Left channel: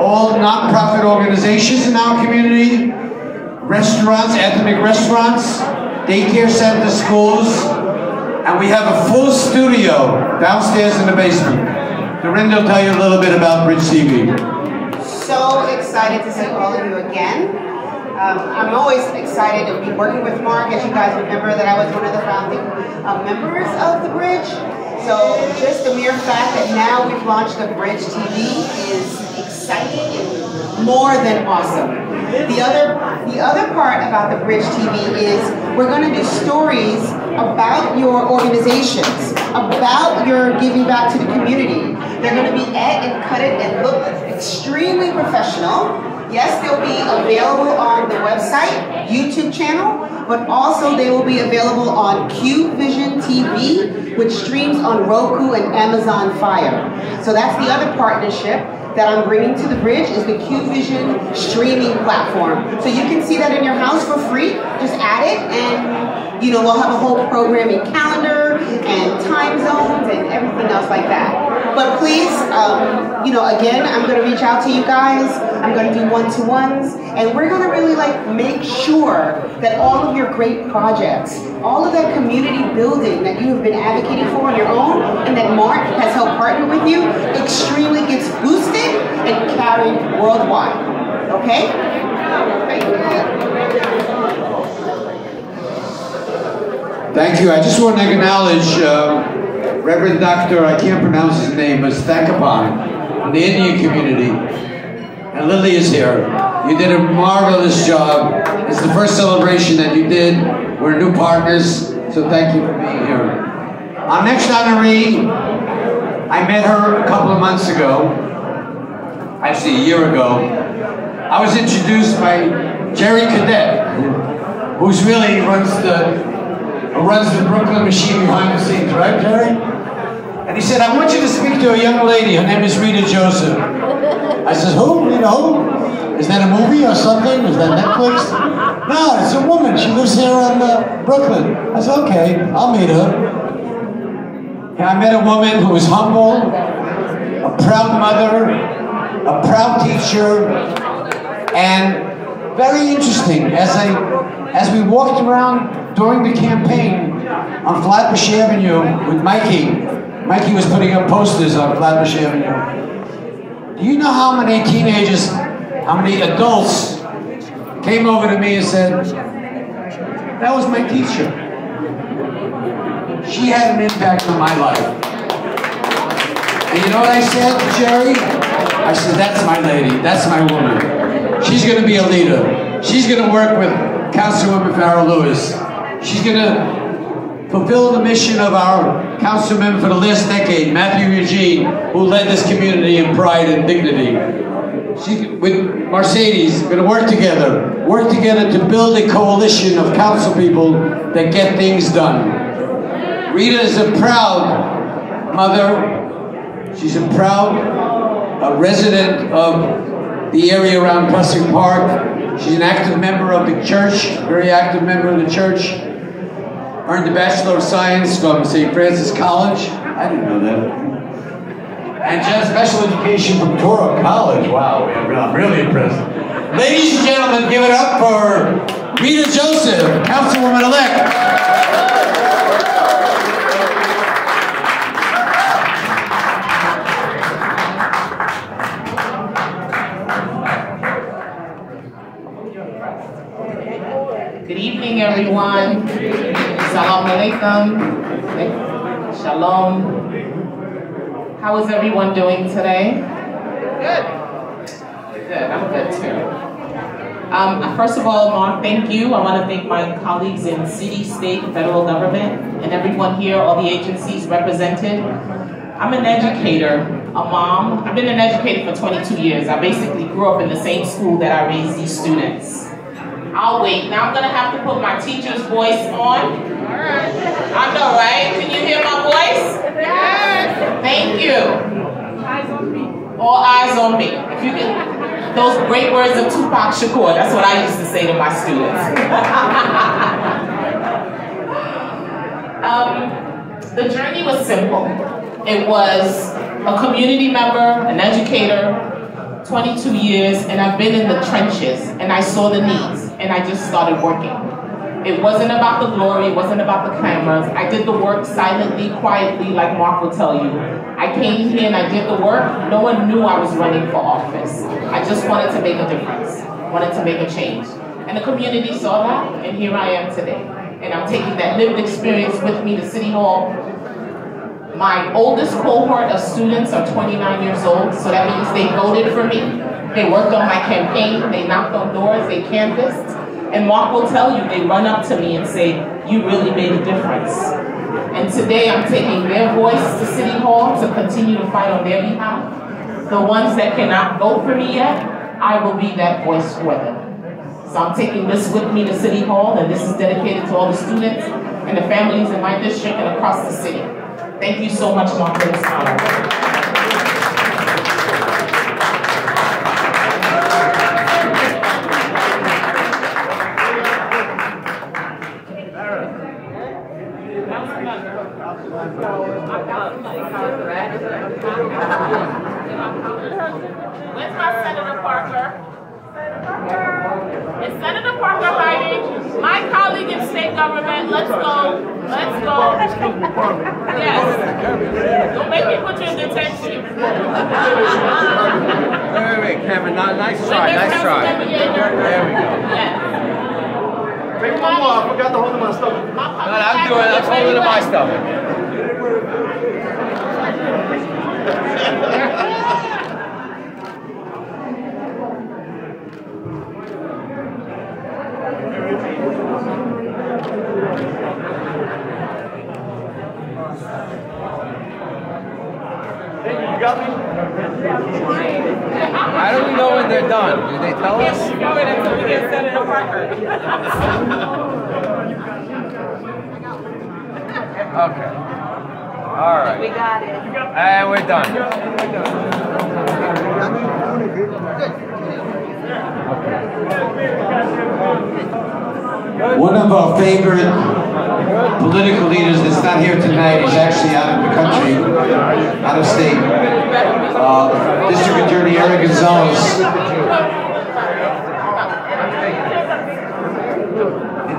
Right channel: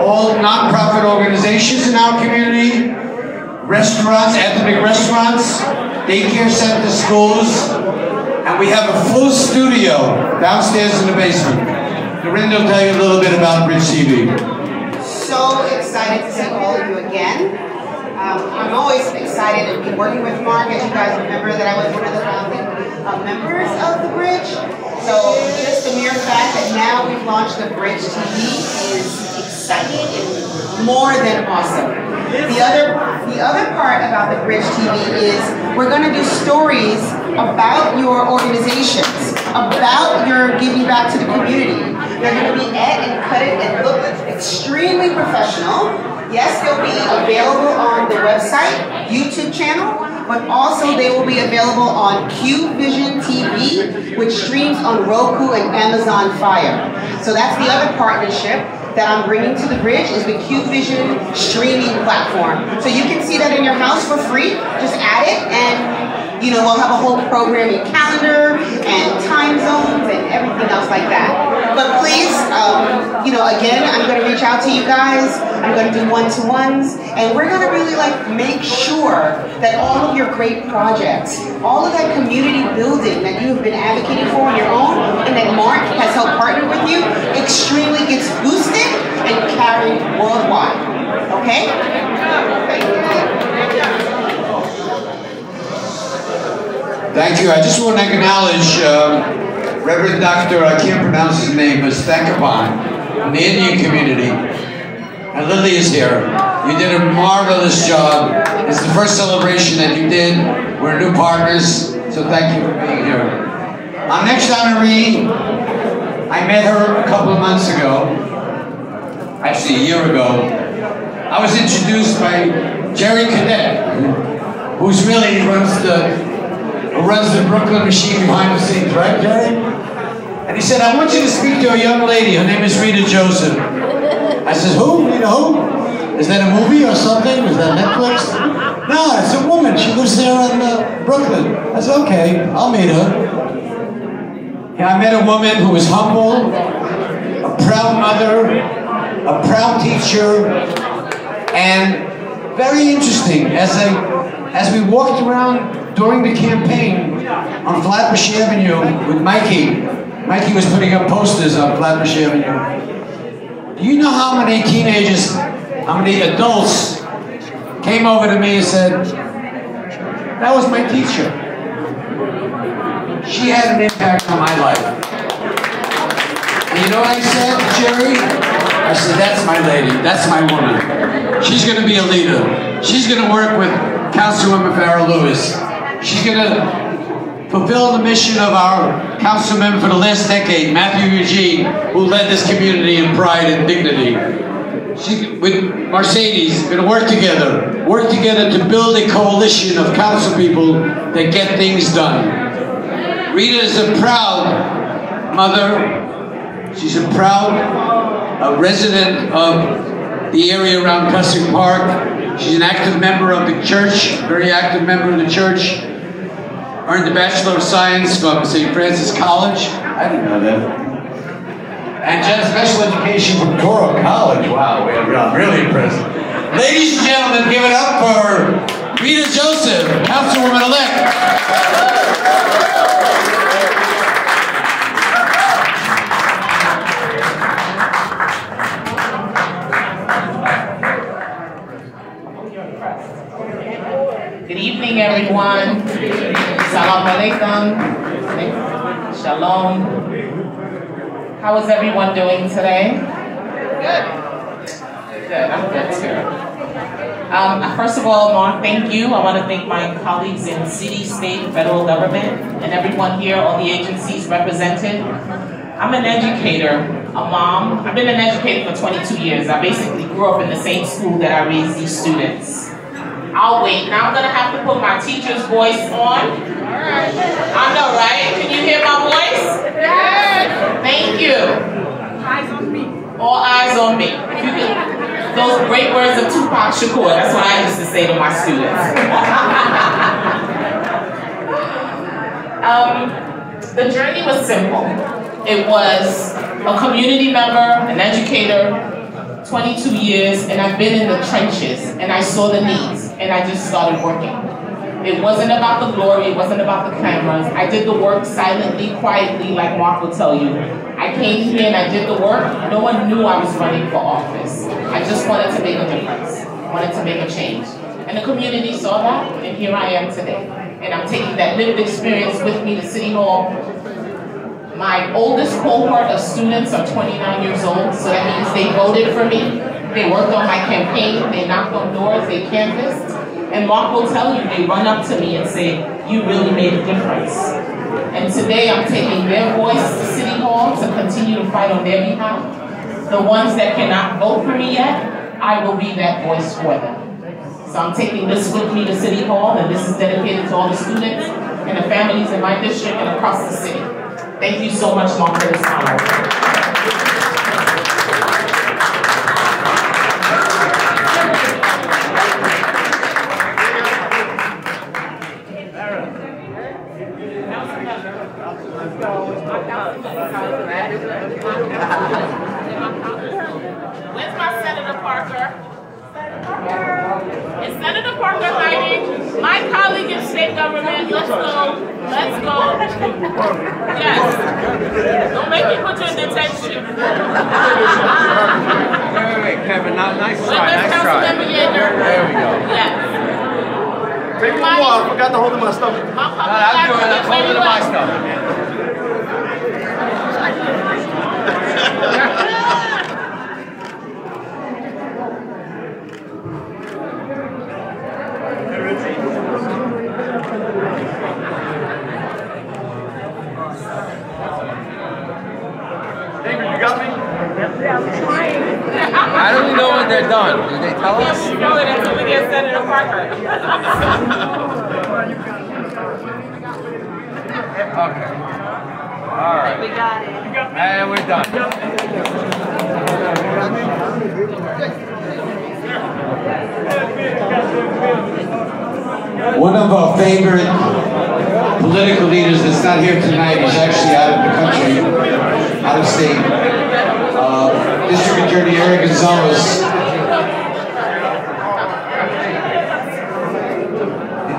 all nonprofit organizations in our community, restaurants, ethnic restaurants, daycare centers, schools, and we have a full studio downstairs in the basement. Dorinda will tell you a little bit about Bridge TV. So excited to see all of you again. I'm always excited to be working with Mark. As you guys remember that I was one of the founding members of the Bridge. So just the mere fact that now we've launched the Bridge TV is exciting and more than awesome. The other part about the Bridge TV is we're going to do stories about your organizations, about your giving back to the community. They're going to be and cut it and look extremely professional. Yes, they'll be available on the website, YouTube channel, but also they will be available on QVision TV, which streams on Roku and Amazon Fire. So that's the other partnership that I'm bringing to the Bridge is the QVision streaming platform. So you can see that in your house for free. Just add it and we'll have a whole programming calendar and time zones and everything else like that. But please, again, I'm going to reach out to you guys. I'm going to do one-to-ones, and we're going to really make sure that all of your great projects, all of that community building that you have been advocating for on your own, and that Mark has helped partner with you, extremely gets boosted and carried worldwide. Okay? Thank you. I just want to acknowledge Reverend Dr. I can't pronounce his name, but Stakapan in the Indian community. And Lily is here. You did a marvelous job. It's the first celebration that you did. We're new partners, so thank you for being here. Our next honoree, I met her a couple of months ago, actually a year ago. I was introduced by Jerry Cadet, who's really runs the Brooklyn machine behind the scenes, right, Jerry? And he said, I want you to speak to a young lady. Her name is Rita Joseph. I said, who? Rita who? Is that a movie or something? Is that Netflix? No, it's a woman. She lives there in Brooklyn. I said, okay, I'll meet her. And I met a woman who was humble, a proud mother, a proud teacher, and very interesting. As we walked around during the campaign on Flatbush Avenue with Mikey was putting up posters on Flatbush Avenue. Do you know how many teenagers, how many adults came over to me and said, that was my teacher. She had an impact on my life. And you know what I said to Jerry? I said, that's my lady, that's my woman. She's gonna be a leader. She's gonna work with Councilwoman Farrah Lewis. She's going to fulfill the mission of our councilman for the last decade, Matthew Eugene, who led this community in pride and dignity. She, with Mercedes, going to work together to build a coalition of council people that get things done. Rita is a proud mother. She's a proud resident of the area around Plessing Park. She's an active member of the church, very active member of the church. Earned a Bachelor of Science from St. Francis College. I didn't know that. And just special education from Toro College. Wow, I'm really impressed. Ladies and gentlemen, give it up for Rita Joseph, Councilwoman-elect. Good evening, everyone. Assalamu alaikum. Shalom. How is everyone doing today? Good. Good. I'm good too. First of all, Mark, thank you. I want to thank my colleagues in city, state, and federal government, and everyone here, all the agencies represented. I'm an educator, a mom. I've been an educator for 22 years. I basically grew up in the same school that I raised these students. I'll wait. Now I'm going to have to put my teacher's voice on. I know, right? Can you hear my voice? Yes. Thank you. Eyes on me. All eyes on me. If you can, those great words of Tupac Shakur, that's what I used to say to my students. The journey was simple. It was a community member, an educator, 22 years, and I've been in the trenches, and I saw the needs, and I just started working. It wasn't about the glory, it wasn't about the cameras. I did the work silently, quietly, like Mark will tell you. I came here and I did the work. No one knew I was running for office. I just wanted to make a difference, wanted to make a change. And the community saw that, and here I am today. And I'm taking that lived experience with me to City Hall. My oldest cohort of students are 29 years old, so that means they voted for me. They worked on my campaign, they knocked on doors, they canvassed. And Mark will tell you, they run up to me and say, you really made a difference. And today I'm taking their voice to City Hall to continue to fight on their behalf. The ones that cannot vote for me yet, I will be that voice for them. So I'm taking this with me to City Hall, and this is dedicated to all the students and the families in my district and across the city. Thank you so much, Mark, for this honor. Where's my Senator Parker? Is Senator Parker writing? My colleague in state government, let's go. Let's go. Yes. Don't make me put you in detention. Wait, Kevin, nice try. There we go. Yes. Take it off. I forgot to hold my stomach. I'm doing my stomach. David, you got me? How do we know when they're done? Did they tell us? Yeah, we know it until we get Senator Parker. Okay. All right. We got it. And we're done. One of our favorite political leaders that's not here tonight is actually out of the country, out of state. District Attorney Eric Gonzalez.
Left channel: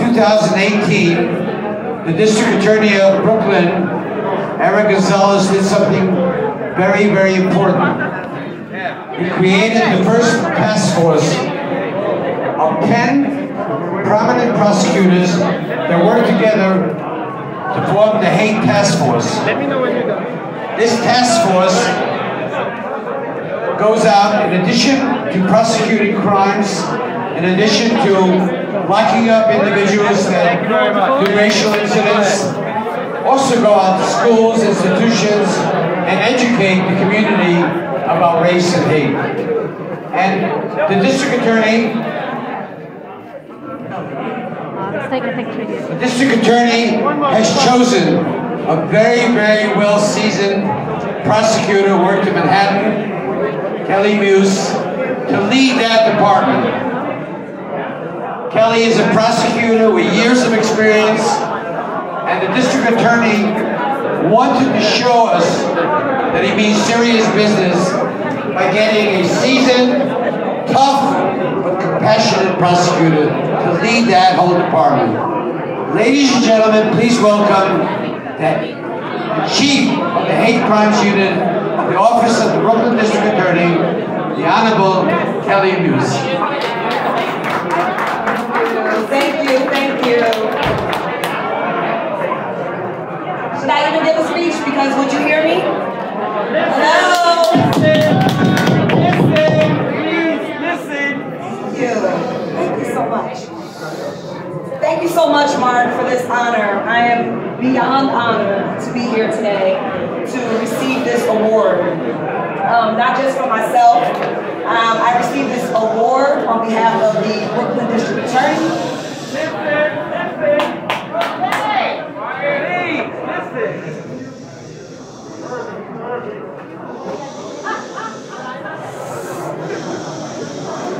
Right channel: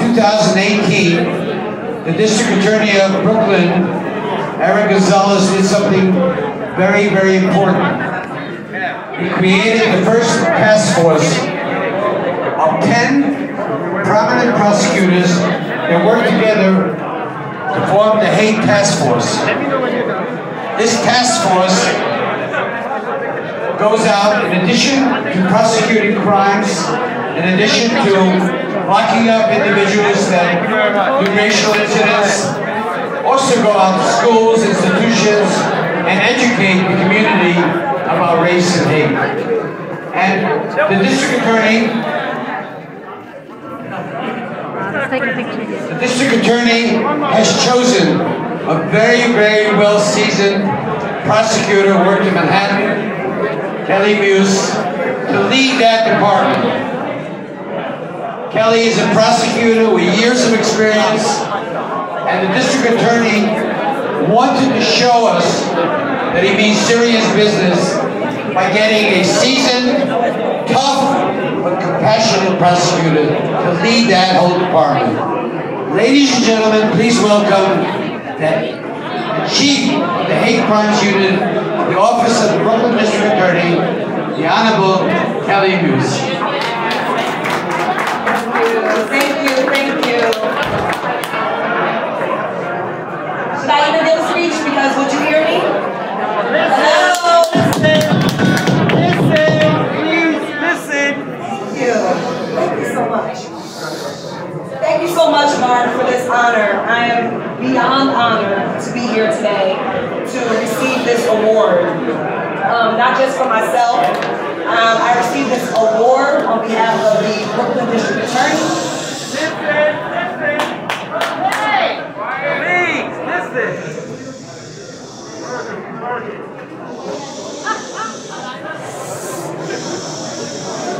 In 2018, the District Attorney of Brooklyn, Eric Gonzalez, did something very, very important. He created the first task force of 10 prominent prosecutors that work together to form the Hate Task Force. This task force goes out, in addition to prosecuting crimes, in addition to locking up individuals that do racial incidents, also go out to schools, institutions, and educate the community about race and hate. And the district attorney has chosen a very, very well-seasoned prosecutor who worked in Manhattan, Kelly Muse, to lead that department. Kelly is a prosecutor with years of experience, and the district attorney wanted to show us that he means serious business by getting a seasoned, tough, but compassionate prosecutor to lead that whole department. Ladies and gentlemen, please welcome the Chief of the Hate Crimes Unit of the Office of the Brooklyn District Attorney, the Honorable Kelly Muse. Thank you. Should I even give a speech? Because would you hear me? Hello? Listen. Thank you so much. Thank you so much, Mark, for this honor. I am beyond honored to be here today to receive this award. Not just for myself. I received this award on behalf of the Brooklyn District Attorney.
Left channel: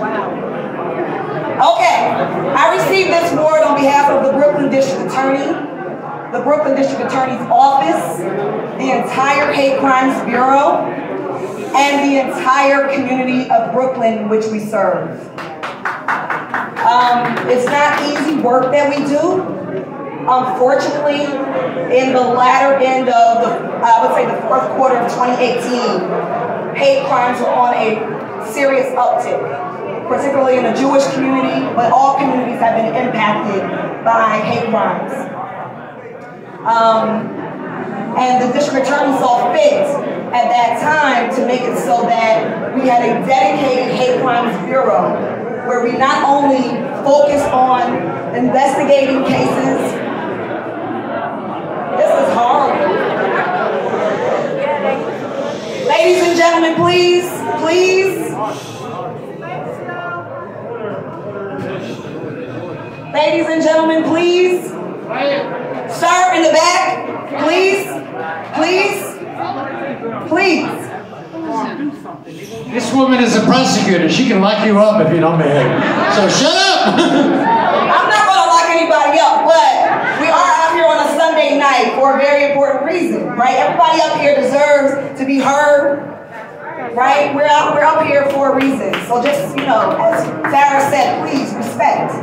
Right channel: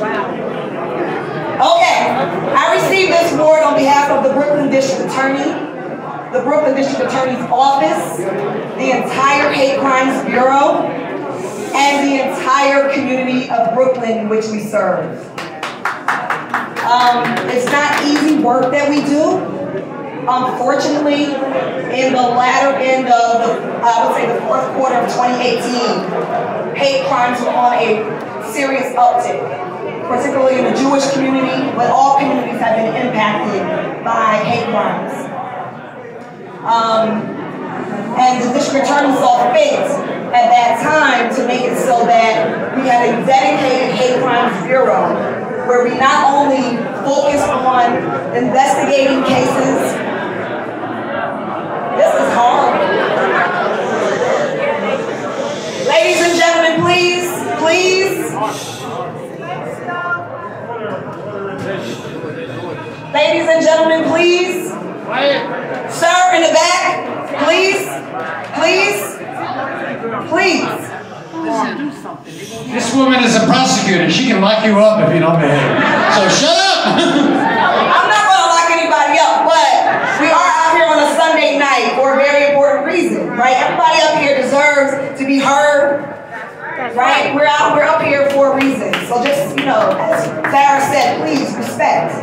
Wow. Okay, I received this award on behalf of the Brooklyn District Attorney, the Brooklyn District Attorney's Office, the entire Hate Crimes Bureau, and the entire community of Brooklyn which we serve. It's not easy work that we do. Unfortunately, in the latter end of, I would say the fourth quarter of 2018, hate crimes were on a serious uptick, particularly in the Jewish community, but all communities have been impacted by hate crimes. And the district attorney saw fit at that time to make it so that we had a dedicated hate crimes bureau where we not only focused on investigating cases. This is horrible. Ladies and gentlemen, please, please. Ladies and gentlemen, please. Sir in the back, please, please, please. This woman is a prosecutor. She can lock you up if you don't behave. So shut up! I'm not going to lock anybody up, but we are out here on a Sunday night for a very important reason, right? Everybody up here deserves to be heard, right? We're up here for a reason. So just, you know, as Sarah said, please respect.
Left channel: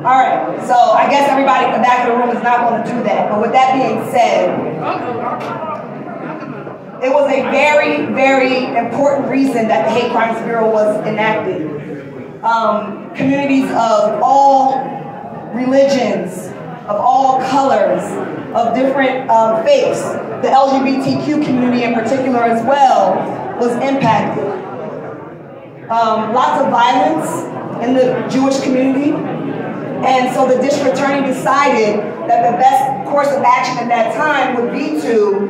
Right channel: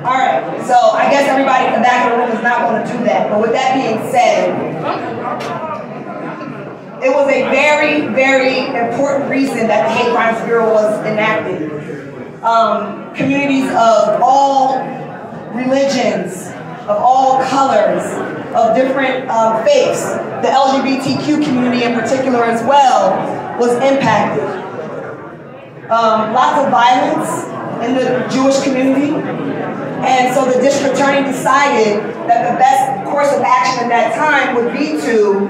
All right, so I guess everybody in the back of the room is not going to do that. But with that being said, it was a very, very important reason that the Hate Crimes Bureau was enacted. Communities of all religions, of all colors, of different faiths, the LGBTQ community in particular as well, was impacted. Lots of violence in the Jewish community. And so the district attorney decided that the best course of action at that time would be to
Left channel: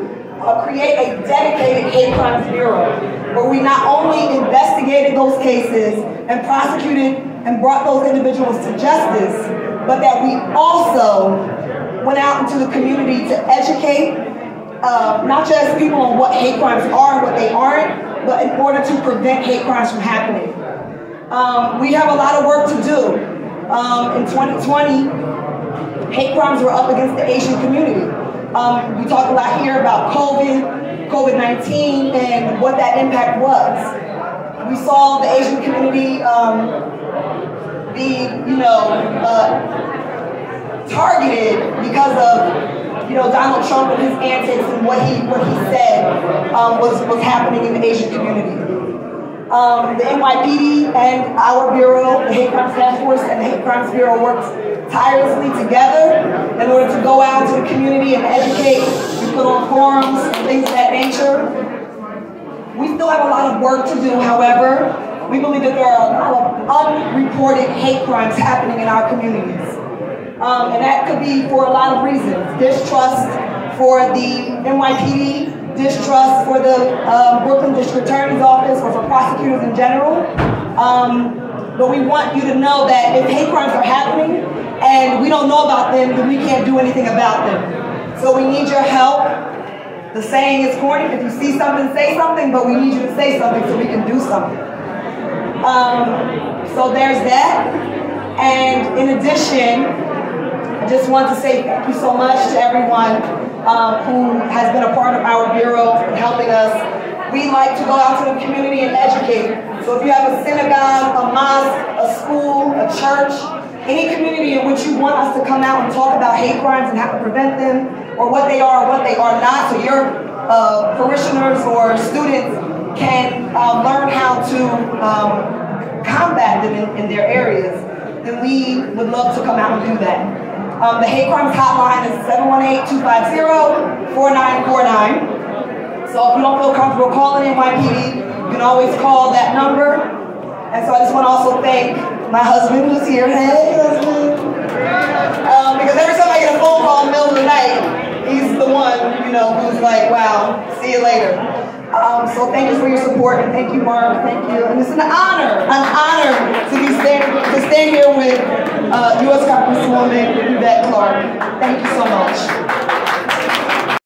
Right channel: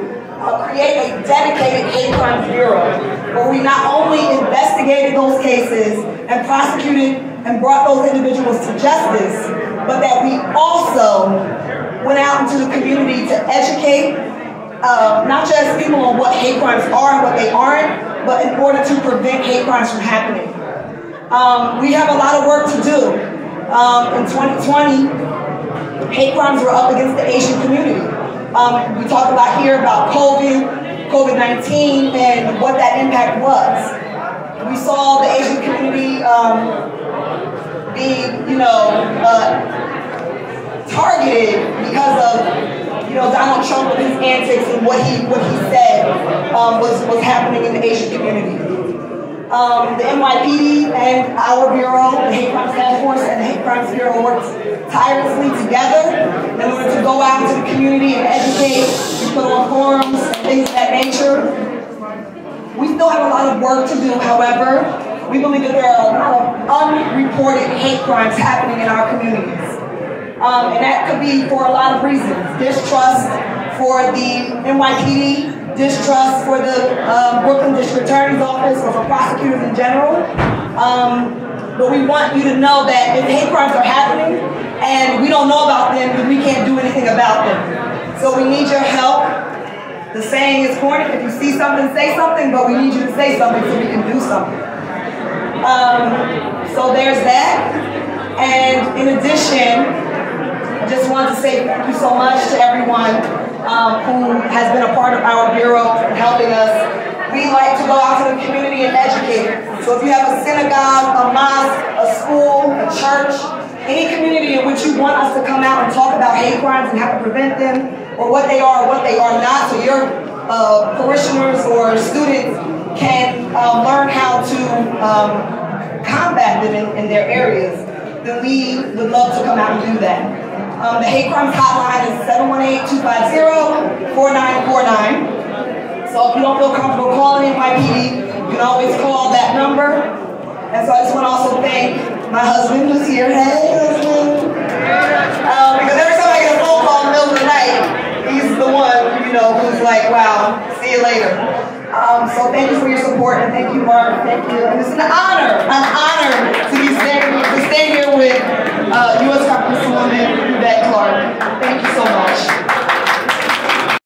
create a dedicated hate crimes bureau where we not only investigated those cases and prosecuted and brought those individuals to justice, but that we also went out into the community to educate not just people on what hate crimes are and what they aren't, but in order to prevent hate crimes from happening. We have a lot of work to do. In 2020, hate crimes were up against the Asian community. We talked a lot here about COVID-19 and what that impact was. We saw the Asian community be, targeted because of, Donald Trump and his antics and what he said was happening in the Asian community. The NYPD and our bureau, the Hate Crimes Task Force and the Hate Crimes Bureau worked tirelessly together in order to go out into the community and educate. We put on forums and things of that nature. We still have a lot of work to do, however. We believe that there are a lot of unreported hate crimes happening in our communities. And that could be for a lot of reasons. Distrust for the NYPD, distrust for the Brooklyn District Attorney's Office or for prosecutors in general. But we want you to know that if hate crimes are happening and we don't know about them, then we can't do anything about them. So we need your help. The saying is corny, if you see something, say something, but we need you to say something so we can do something. So there's that. And in addition, I just want to say thank you so much to everyone who has been a part of our bureau and helping us. We like to go out to the community and educate. So if you have a synagogue, a mosque, a school, a church, any community in which you want us to come out and talk about hate crimes and how to prevent them, or what they are or what they are not, so your parishioners or students can learn how to combat them in their areas, then we would love to come out and do that. The hate crimes hotline is 718-250-4949. So if you don't feel comfortable calling NYPD, you can always call that number. And so I just want to also thank my husband who's here. Hey, husband. Because every time I get a phone call in the middle of the night, he's the one, who's like, wow, see you later. So thank you for your support, and thank you, Mark. Thank you. And it's an honor to be staying here with U.S. Congresswoman Yvette Clarke. Thank you so much.